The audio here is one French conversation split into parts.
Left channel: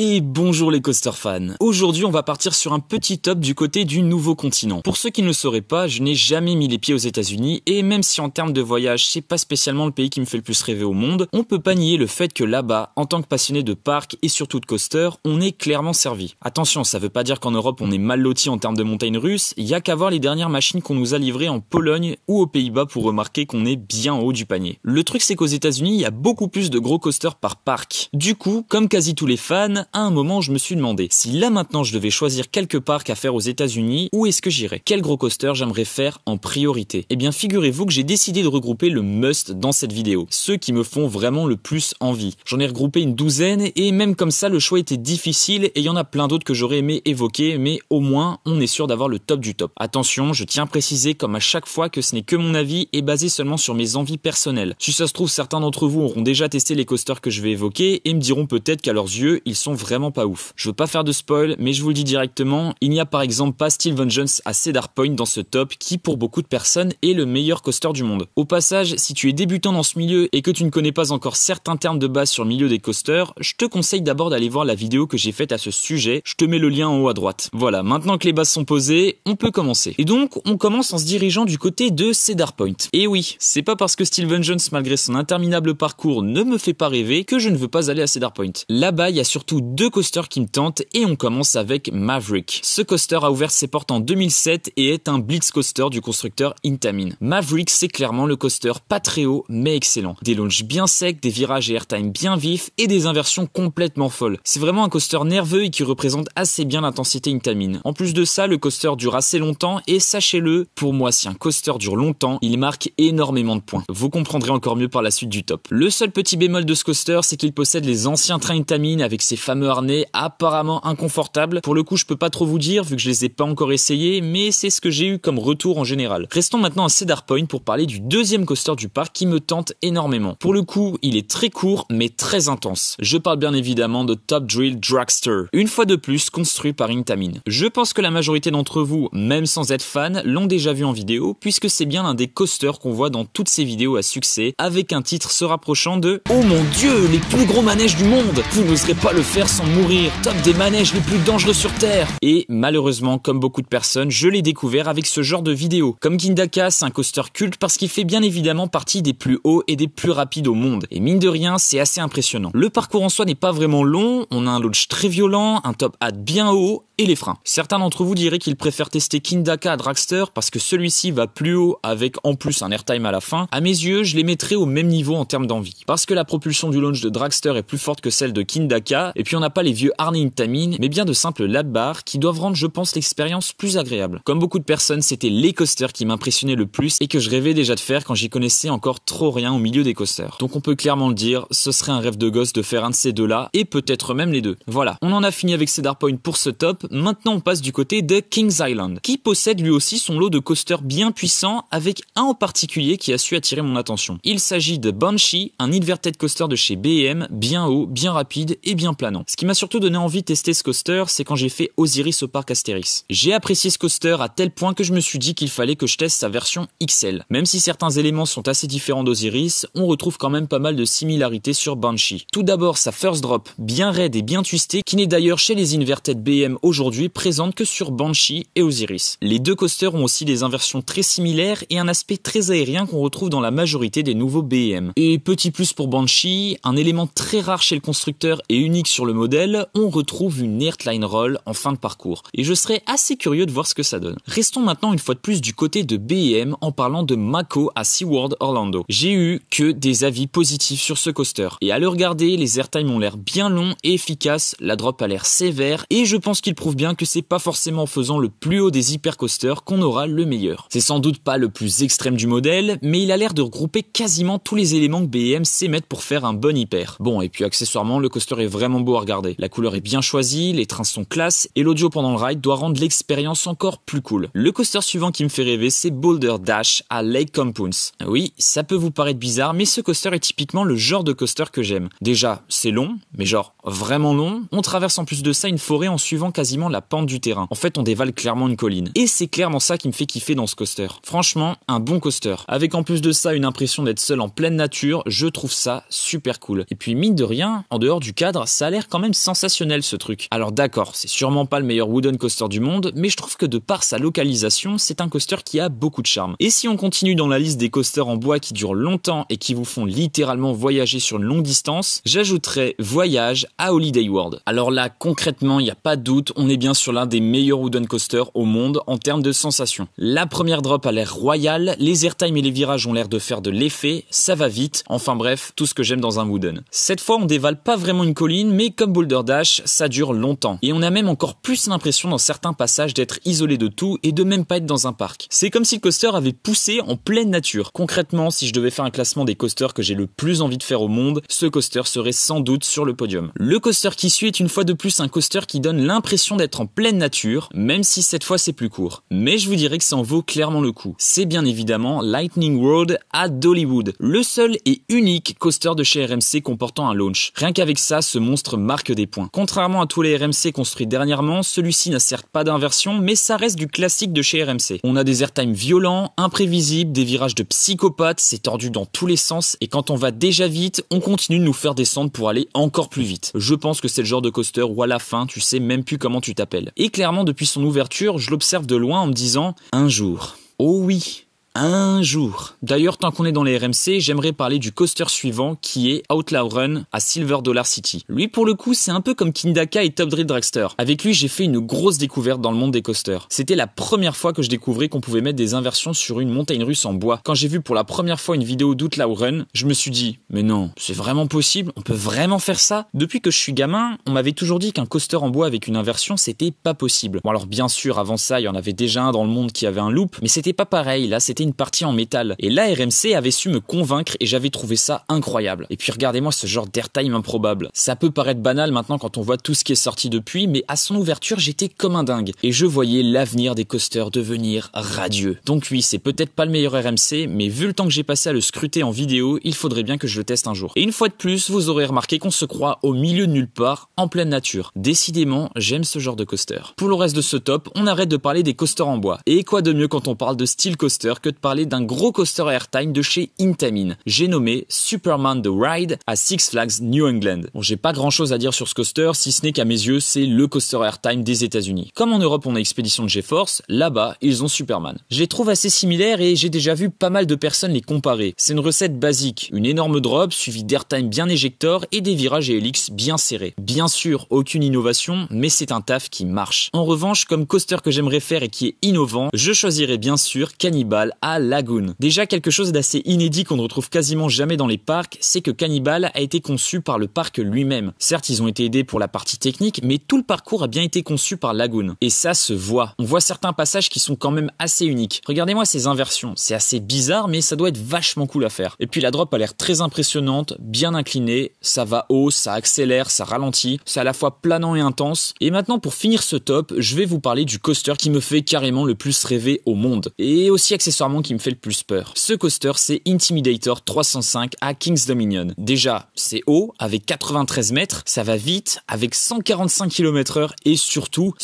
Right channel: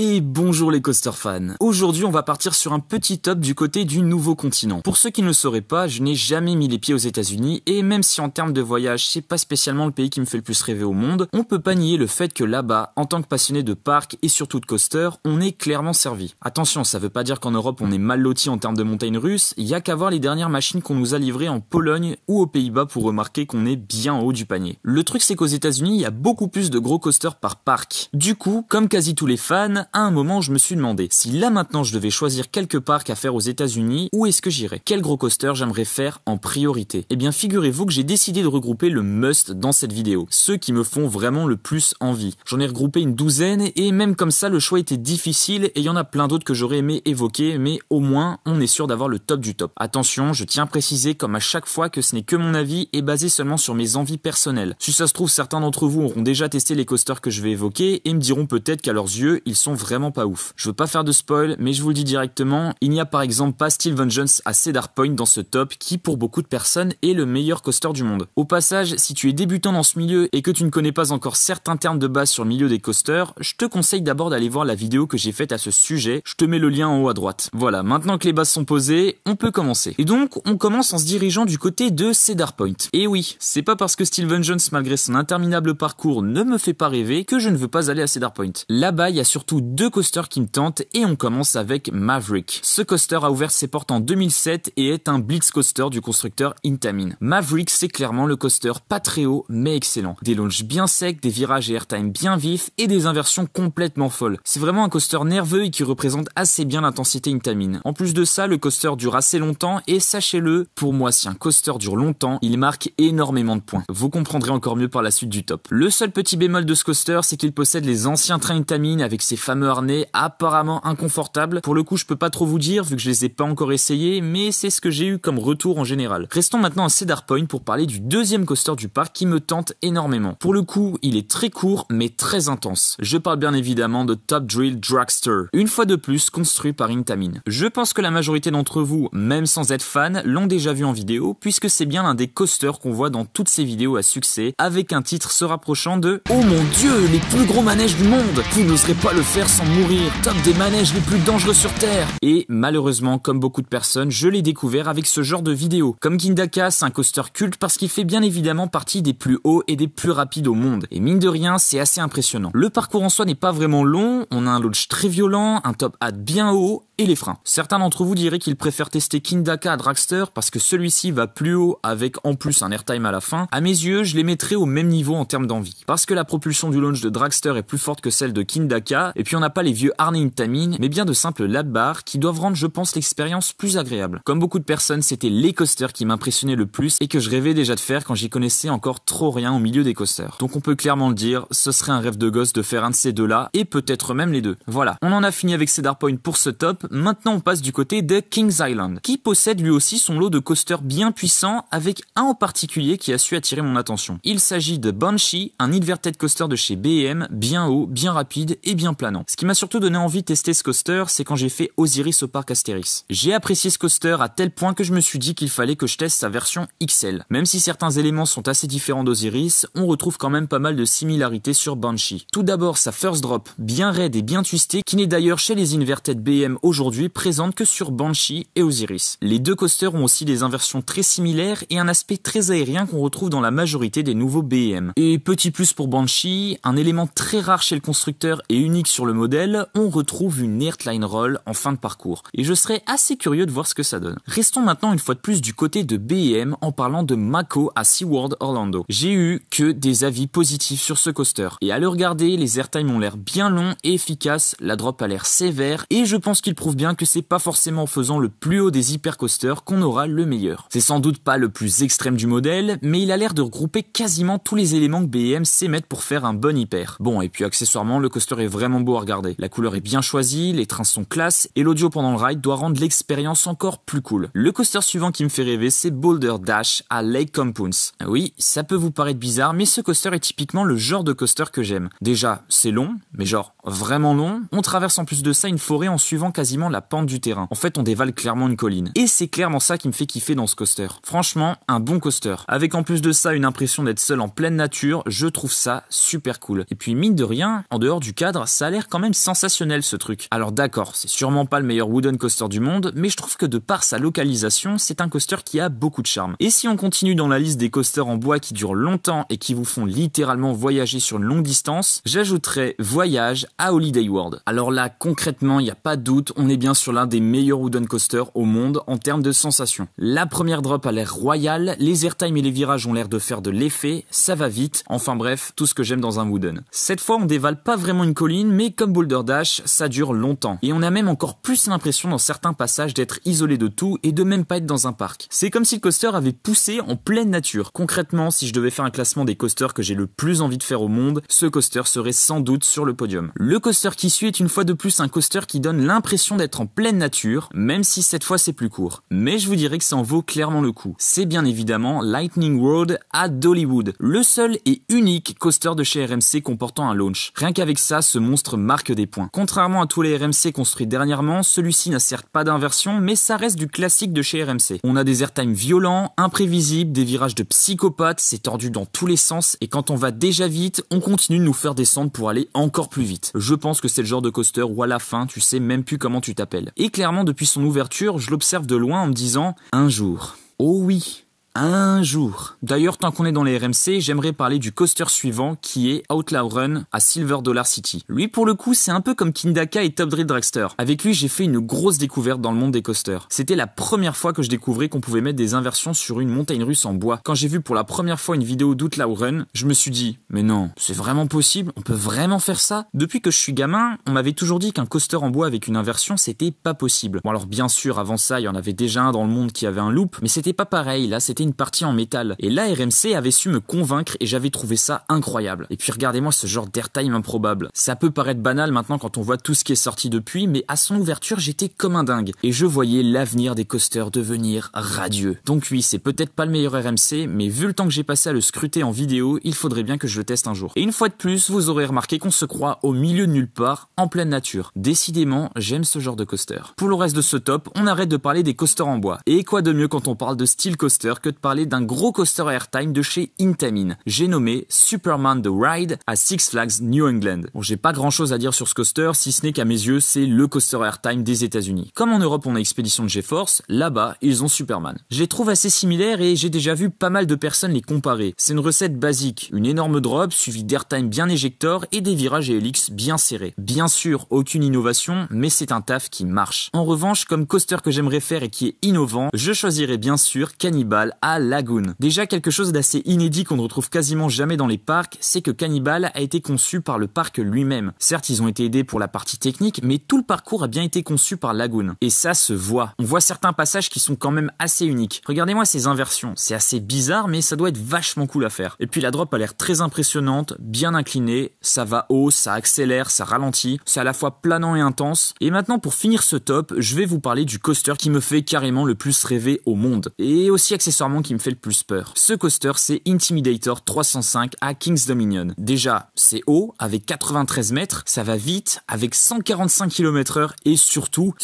Et bonjour les coaster fans. Aujourd'hui on va partir sur un petit top du côté du nouveau continent. Pour ceux qui ne le sauraient pas, je n'ai jamais mis les pieds aux États-Unis et même si en termes de voyage c'est pas spécialement le pays qui me fait le plus rêver au monde, on peut pas nier le fait que là-bas, en tant que passionné de parcs et surtout de coaster, on est clairement servi. Attention, ça veut pas dire qu'en Europe on est mal loti en termes de montagnes russes, y a qu'à voir les dernières machines qu'on nous a livrées en Pologne ou aux Pays-Bas pour remarquer qu'on est bien en haut du panier. Le truc c'est qu'aux États-Unis, il y a beaucoup plus de gros coasters par parc. Du coup, comme quasi tous les fans, à un moment je me suis demandé si là maintenant je devais choisir quelques parcs à faire aux États-Unis, où est-ce que j'irais? Quel gros coaster j'aimerais faire en priorité? Eh bien figurez-vous que j'ai décidé de regrouper le must dans cette vidéo, ceux qui me font vraiment le plus envie. J'en ai regroupé une douzaine et même comme ça le choix était difficile et il y en a plein d'autres que j'aurais aimé évoquer, mais au moins on est sûr d'avoir le top du top. Attention, je tiens à préciser comme à chaque fois que ce n'est que mon avis et basé seulement sur mes envies personnelles. Si ça se trouve certains d'entre vous auront déjà testé les coasters que je vais évoquer et me diront peut-être qu'à leurs yeux ils sont vraiment pas ouf. Je veux pas faire de spoil, mais je vous le dis directement, il n'y a par exemple pas Steel Vengeance à Cedar Point dans ce top qui pour beaucoup de personnes est le meilleur coaster du monde. Au passage, si tu es débutant dans ce milieu et que tu ne connais pas encore certains termes de base sur le milieu des coasters, je te conseille d'abord d'aller voir la vidéo que j'ai faite à ce sujet, je te mets le lien en haut à droite. Voilà, maintenant que les bases sont posées, on peut commencer. Et donc, on commence en se dirigeant du côté de Cedar Point. Et oui, c'est pas parce que Steel Vengeance malgré son interminable parcours ne me fait pas rêver que je ne veux pas aller à Cedar Point. Là-bas, il y a surtout deux coasters qui me tentent et on commence avec Maverick. Ce coaster a ouvert ses portes en 2007 et est un blitz coaster du constructeur Intamin. Maverick, c'est clairement le coaster pas très haut mais excellent. Des launches bien secs, des virages et airtime bien vifs et des inversions complètement folles. C'est vraiment un coaster nerveux et qui représente assez bien l'intensité Intamin. En plus de ça, le coaster dure assez longtemps et sachez-le, pour moi si un coaster dure longtemps, il marque énormément de points. Vous comprendrez encore mieux par la suite du top. Le seul petit bémol de ce coaster, c'est qu'il possède les anciens trains Intamin avec ses fameux harnais apparemment inconfortables. Pour le coup, je peux pas trop vous dire vu que je les ai pas encore essayés, mais c'est ce que j'ai eu comme retour en général. Restons maintenant à Cedar Point pour parler du deuxième coaster du parc qui me tente énormément. Pour le coup, il est très court mais très intense. Je parle bien évidemment de Top Thrill Dragster, une fois de plus construit par Intamin. Je pense que la majorité d'entre vous, même sans être fan, l'ont déjà vu en vidéo puisque c'est bien l'un des coasters qu'on voit dans toutes ces vidéos à succès avec un titre se rapprochant de « Oh mon Dieu, les plus gros manèges du monde! Vous n'oserez pas le faire sans mourir! Top des manèges les plus dangereux sur Terre !» Et malheureusement, comme beaucoup de personnes, je l'ai découvert avec ce genre de vidéos. Comme Kindaka, c'est un coaster culte parce qu'il fait bien évidemment partie des plus hauts et des plus rapides au monde. Et mine de rien, c'est assez impressionnant. Le parcours en soi n'est pas vraiment long, on a un launch très violent, un top hat bien haut et les freins. Certains d'entre vous diraient qu'ils préfèrent tester Kindaka à Dragster parce que celui-ci va plus haut avec en plus un airtime à la fin. À mes yeux, je les mettrais au même niveau en termes d'envie. Parce que la propulsion du launch de Dragster est plus forte que celle de Kindaka et puis on n'a pas les vieux harnais Intamin mais bien de simples lap bars qui doivent rendre je pense l'expérience plus agréable. Comme beaucoup de personnes, c'était les coasters qui m'impressionnaient le plus et que je rêvais déjà de faire quand j'y connaissais encore trop rien au milieu des coasters. Donc on peut clairement le dire, ce serait un rêve de gosse de faire un de ces deux-là et peut-être même les deux. Voilà, on en a fini avec Cedar Point pour ce top. Maintenant on passe du côté de Kings Island, qui possède lui aussi son lot de coasters bien puissants, avec un en particulier qui a su attirer mon attention. Il s'agit de Banshee, un inverted coaster de chez BM, bien haut, bien rapide et bien planant. Ce qui m'a surtout donné envie de tester ce coaster, c'est quand j'ai fait Osiris au parc Astérix. J'ai apprécié ce coaster à tel point que je me suis dit qu'il fallait que je teste sa version XL. Même si certains éléments sont assez différents d'Osiris, on retrouve quand même pas mal de similarités sur Banshee. Tout d'abord sa first drop, bien raide et bien twistée, qui n'est d'ailleurs chez les inverted BM aujourd'hui présente que sur Banshee et Osiris. Les deux coasters ont aussi des inversions très similaires et un aspect très aérien qu'on retrouve dans la majorité des nouveaux BM. Et petit plus pour Banshee, un élément très rare chez le constructeur et unique sur le modèle, on retrouve une airline roll en fin de parcours. Et je serais assez curieux de voir ce que ça donne. Restons maintenant une fois de plus du côté de BM en parlant de Mako à SeaWorld Orlando. J'ai eu que des avis positifs sur ce coaster. Et à le regarder, les airtimes ont l'air bien longs et efficaces, la drop a l'air sévère et je pense qu'il prouve bien que c'est pas forcément en faisant le plus haut des hypercoasters qu'on aura le meilleur. C'est sans doute pas le plus extrême du modèle, mais il a l'air de regrouper quasiment tous les éléments que BM sait mettre pour faire un bon hyper. Bon, et puis accessoirement, le coaster est vraiment beau à regarder. La couleur est bien choisie, les trains sont classe, et l'audio pendant le ride doit rendre l'expérience encore plus cool. Le coaster suivant qui me fait rêver, c'est Boulder Dash à Lake Compounce. Oui, ça peut vous paraître bizarre, mais ce coaster est typiquement le genre de coaster que j'aime. Déjà, c'est long, mais genre vraiment long. On traverse en plus de ça une forêt en suivant quasiment la pente du terrain. En fait, on dévale clairement une colline. Et c'est clairement ça qui me fait kiffer dans ce coaster. Franchement, un bon coaster. Avec en plus de ça une impression d'être seul en pleine nature, je trouve ça super cool. Et puis mine de rien, en dehors du cadre, ça a l'air l'air quand même sensationnel ce truc. Alors d'accord, c'est sûrement pas le meilleur wooden coaster du monde, mais je trouve que de par sa localisation, c'est un coaster qui a beaucoup de charme. Et si on continue dans la liste des coasters en bois qui durent longtemps et qui vous font littéralement voyager sur une longue distance, j'ajouterais Voyage à Holiday World. Alors là, concrètement, il n'y a pas de doute, on est bien sur l'un des meilleurs wooden coasters au monde en termes de sensations. La première drop a l'air royale, les airtime et les virages ont l'air de faire de l'effet, ça va vite, enfin bref, tout ce que j'aime dans un wooden. Cette fois, on dévale pas vraiment une colline, mais comme Boulder Dash, ça dure longtemps. Et on a même encore plus l'impression dans certains passages d'être isolé de tout et de même pas être dans un parc. C'est comme si le coaster avait poussé en pleine nature. Concrètement, si je devais faire un classement des coasters que j'ai le plus envie de faire au monde, ce coaster serait sans doute sur le podium. Le coaster qui suit est une fois de plus un coaster qui donne l'impression d'être en pleine nature, même si cette fois c'est plus court. Mais je vous dirais que ça en vaut clairement le coup. C'est bien évidemment Lightning Road à Dollywood, le seul et unique coaster de chez RMC comportant un launch. Rien qu'avec ça, ce monstre marque des points. Contrairement à tous les RMC construits dernièrement, celui-ci n'a certes pas d'inversion, mais ça reste du classique de chez RMC. On a des airtime violents, imprévisibles, des virages de psychopathe, c'est tordu dans tous les sens, et quand on va déjà vite, on continue de nous faire descendre pour aller encore plus vite. Je pense que c'est le genre de coaster où à la fin, tu sais même plus comment tu t'appelles. Et clairement, depuis son ouverture, je l'observe de loin en me disant « un jour ». Oh oui, un jour. D'ailleurs, tant qu'on est dans les RMC, j'aimerais parler du coaster suivant qui est Outlaw Run à Silver Dollar City. Lui, pour le coup, c'est un peu comme Kindaka et Top Drill Dragster. Avec lui, j'ai fait une grosse découverte dans le monde des coasters. C'était la première fois que je découvrais qu'on pouvait mettre des inversions sur une montagne russe en bois. Quand j'ai vu pour la première fois une vidéo d'Outlaw Run, je me suis dit, mais non, c'est vraiment possible? On peut vraiment faire ça? Depuis que je suis gamin, on m'avait toujours dit qu'un coaster en bois avec une inversion, c'était pas possible. Bon alors bien sûr, avant ça, il y en avait déjà un dans le monde qui avait un loop, mais c'était pas pareil. Là, c'était une partie en métal. Et là, RMC avait su me convaincre et j'avais trouvé ça incroyable. Et puis regardez-moi ce genre d'airtime improbable. Ça peut paraître banal maintenant quand on voit tout ce qui est sorti depuis, mais à son ouverture, j'étais comme un dingue. Et je voyais l'avenir des coasters devenir radieux. Donc oui, c'est peut-être pas le meilleur RMC, mais vu le temps que j'ai passé à le scruter en vidéo, il faudrait bien que je le teste un jour. Et une fois de plus, vous aurez remarqué qu'on se croit au milieu de nulle part, en pleine nature. Décidément, j'aime ce genre de coaster. Pour le reste de ce top, on arrête de parler des coasters en bois. Et quoi de mieux quand on parle de style coaster que de parler d'un gros coaster airtime de chez Intamin. J'ai nommé Superman The Ride à Six Flags New England. Bon, j'ai pas grand chose à dire sur ce coaster, si ce n'est qu'à mes yeux, c'est le coaster airtime des États-Unis. Comme en Europe, on a Expédition de GeForce, là-bas, ils ont Superman. Je les trouve assez similaires et j'ai déjà vu pas mal de personnes les comparer. C'est une recette basique, une énorme drop suivie d'airtime bien éjector et des virages et helix bien serrés. Bien sûr, aucune innovation, mais c'est un taf qui marche. En revanche, comme coaster que j'aimerais faire et qui est innovant, je choisirais bien sûr Cannibal à Lagoon. Déjà, quelque chose d'assez inédit qu'on ne retrouve quasiment jamais dans les parcs, c'est que Cannibal a été conçu par le parc lui-même. Certes, ils ont été aidés pour la partie technique, mais tout le parcours a bien été conçu par Lagoon. Et ça se voit. On voit certains passages qui sont quand même assez uniques. Regardez-moi ces inversions. C'est assez bizarre, mais ça doit être vachement cool à faire. Et puis la drop a l'air très impressionnante, bien inclinée, ça va haut, ça accélère, ça ralentit, c'est à la fois planant et intense. Et maintenant, pour finir ce top, je vais vous parler du coaster qui me fait carrément le plus rêver au monde. Et aussi accessoirement qui me fait le plus peur. Ce coaster, c'est Intimidator 305 à Kings Dominion. Déjà, c'est haut, avec 93 mètres, ça va vite, avec 145 km/h et surtout,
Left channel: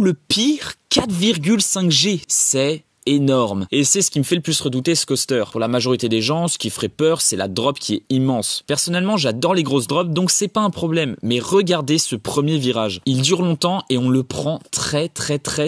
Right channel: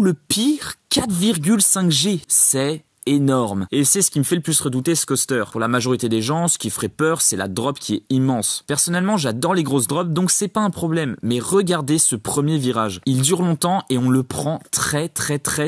le pire, 4,5 G. C'est énorme. Et c'est ce qui me fait le plus redouter ce coaster. Pour la majorité des gens, ce qui ferait peur, c'est la drop qui est immense. Personnellement, j'adore les grosses drops, donc c'est pas un problème. Mais regardez ce premier virage. Il dure longtemps et on le prend très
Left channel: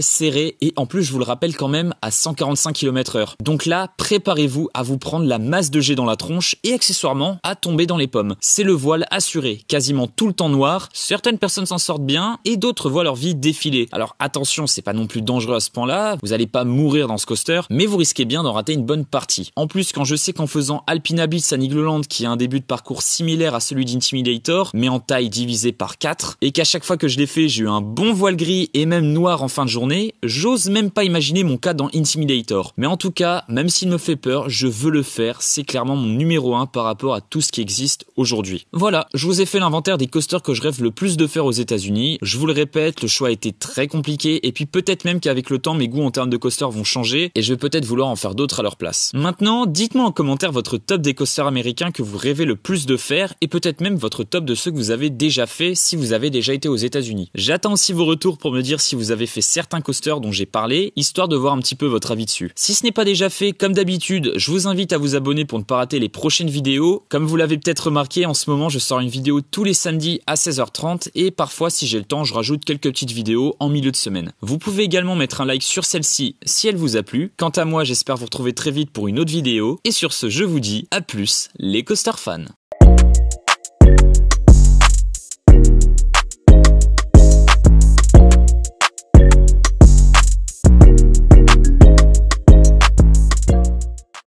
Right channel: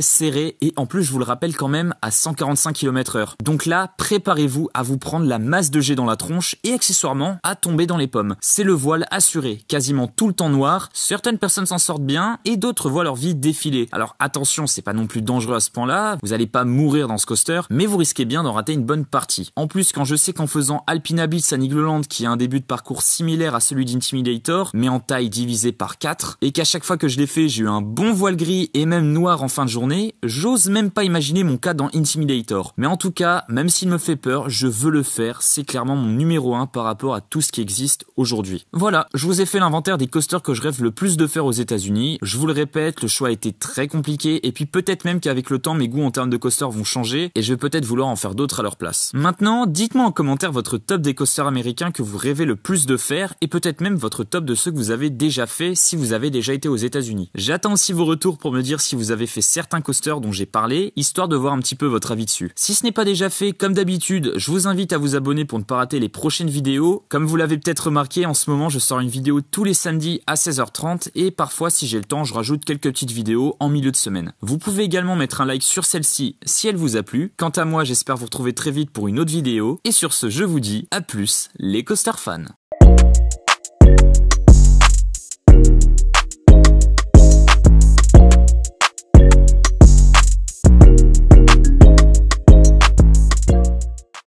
serré. Et en plus, je vous le rappelle quand même, à 145 km/h. Donc là, préparez-vous à vous prendre la masse de jet dans la tronche et accessoirement à tomber dans les pommes. C'est le voile assuré. Quasiment tout le temps noir. Certaines personnes s'en sortent bien et d'autres voient leur vie défiler. Alors attention, c'est pas non plus dangereux à ce point-là. Vous allez pas mourir dans ce coaster, mais vous risquez bien d'en rater une bonne partie. En plus, quand je sais qu'en faisant Alpina Blitz à Nigloland, qui a un début de parcours similaire à celui d'Intimidator, mais en taille divisée par 4, et qu'à chaque fois que je l'ai fait, j'ai eu un bon voile gris et même noir en fin de journée, j'ose même pas imaginer mon cas dans Intimidator. Mais en tout cas, même s'il me fait peur, je veux le faire, c'est clairement mon numéro 1 par rapport à tout ce qui existe aujourd'hui. Voilà, je vous ai fait l'inventaire des coasters que je rêve le plus de faire aux États-Unis. Je vous le répète, le choix a été très compliqué, et puis peut-être même qu'avec le temps, mes goûts en termes de coasters vont changer. changer et je vais peut-être vouloir en faire d'autres à leur place. Maintenant, dites-moi en commentaire votre top des coasters américains que vous rêvez le plus de faire et peut-être même votre top de ceux que vous avez déjà fait si vous avez déjà été aux États-Unis. J'attends aussi vos retours pour me dire si vous avez fait certains coasters dont j'ai parlé, histoire de voir un petit peu votre avis dessus. Si ce n'est pas déjà fait, comme d'habitude, je vous invite à vous abonner pour ne pas rater les prochaines vidéos. Comme vous l'avez peut-être remarqué, en ce moment je sors une vidéo tous les samedis à 16h30 et parfois si j'ai le temps je rajoute quelques petites vidéos en milieu de semaine. Vous pouvez également mettre un like sur celle-ci si elle vous a plu. Quant à moi, j'espère vous retrouver très vite pour une autre vidéo et sur ce je vous dis à plus les coaster fans.